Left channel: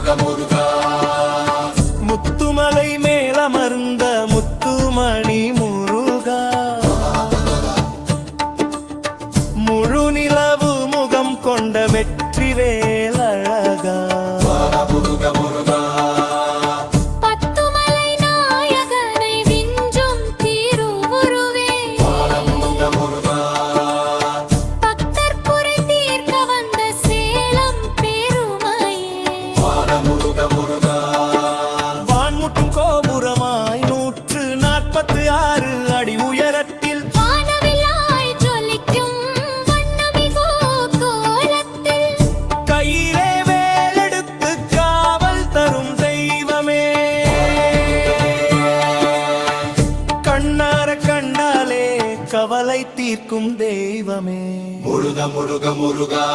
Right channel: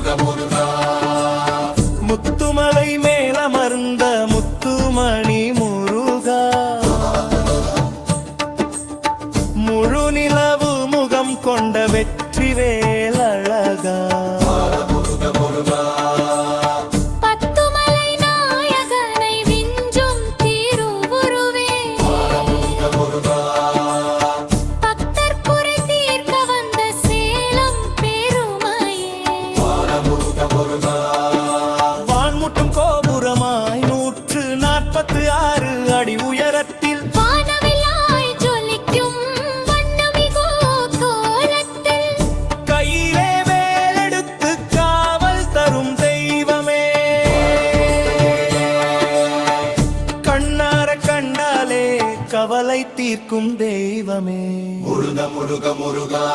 முருகா முத்துமலை மேலமர்ந்த முத்துமணி முருகா முழு நிலவு முகம் கொண்ட வெற்றிவேல் அழகா முருகா வான்முட்டும் கோபுரமாய் 146 அடி உயரத்தில் வானவில்லாய் ஜொலிக்கும் வண்ணமிகு கோலத்தில் கையிலே வேலெடுத்து காவல் தரும் தெய்வமே கண்ணார கண்டாலே கவலை தீர்க்கும் தெய்வமே முருகா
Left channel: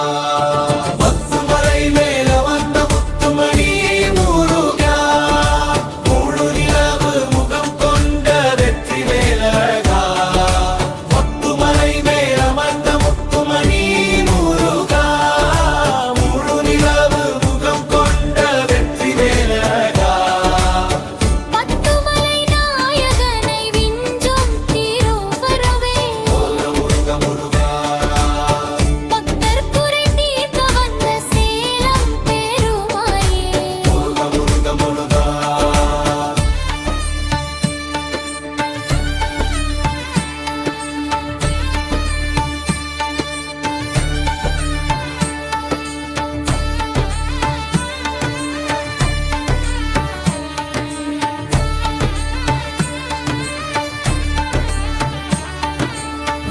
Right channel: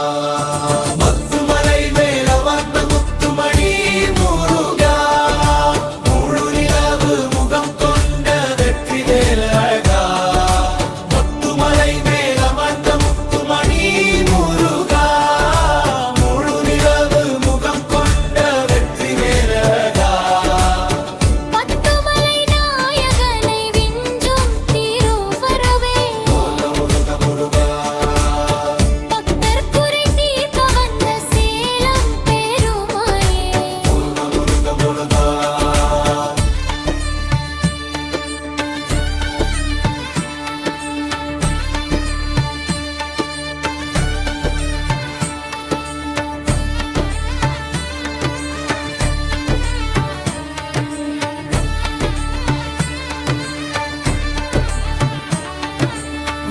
முத்துமலை மேல வந்த முத்துமணி முருகா முழு நிலவு முகம் கொண்ட வெற்றிவேல் அழகா முத்துமலை மேல வந்த முத்துமணி முருகா முழு நிலவு முகம் கொண்ட வெற்றிவேல் அழகா பத்துமலை நாயகனை விஞ்சும் திருவருவே முருகா பக்தர் குறை தீர்க்க வந்த சேலம் பெருமாயே முருகா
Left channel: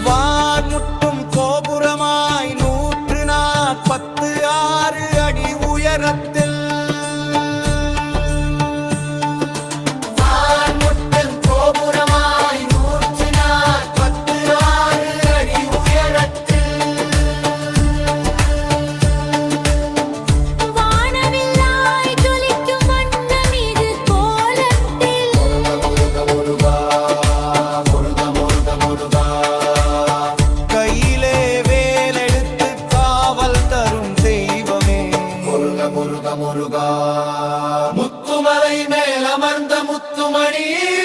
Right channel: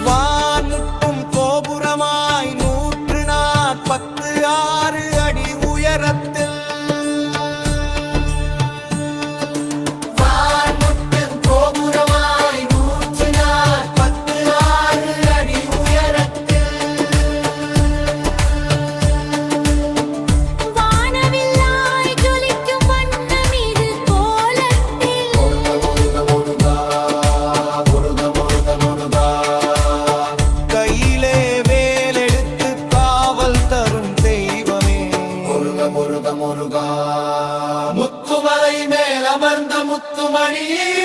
வான்முட்டும் கோபுரமாய் 146 அடி உயரத்தில் வான்முட்டும் கோபுரமாய் 146 அடி உயரத்தில் வானவில்லாய் ஜொலிக்கும் வண்ணமிகு கோலத்தில் முருகா கையிலே வேலெடுத்து காவல் தரும் தெய்வமே முருகா முத்துமலை மேல் அமர்ந்த முத்துமணி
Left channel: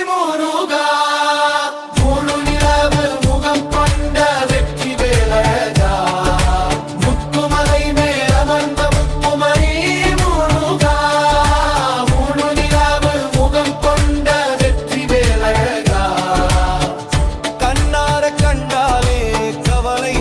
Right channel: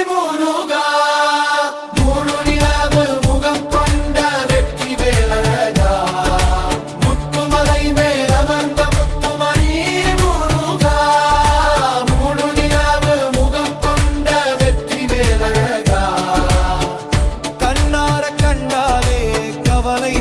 முருகா முழு நிலவு முகம் கொண்ட வெற்றிவேல் அழகா முத்துமலை மேல் அமர்ந்த முத்துமணி முருகா முழு நிலவு முகம் கொண்ட வெற்றிவேல் அழகா கண்ணார கண்டாலே கவலை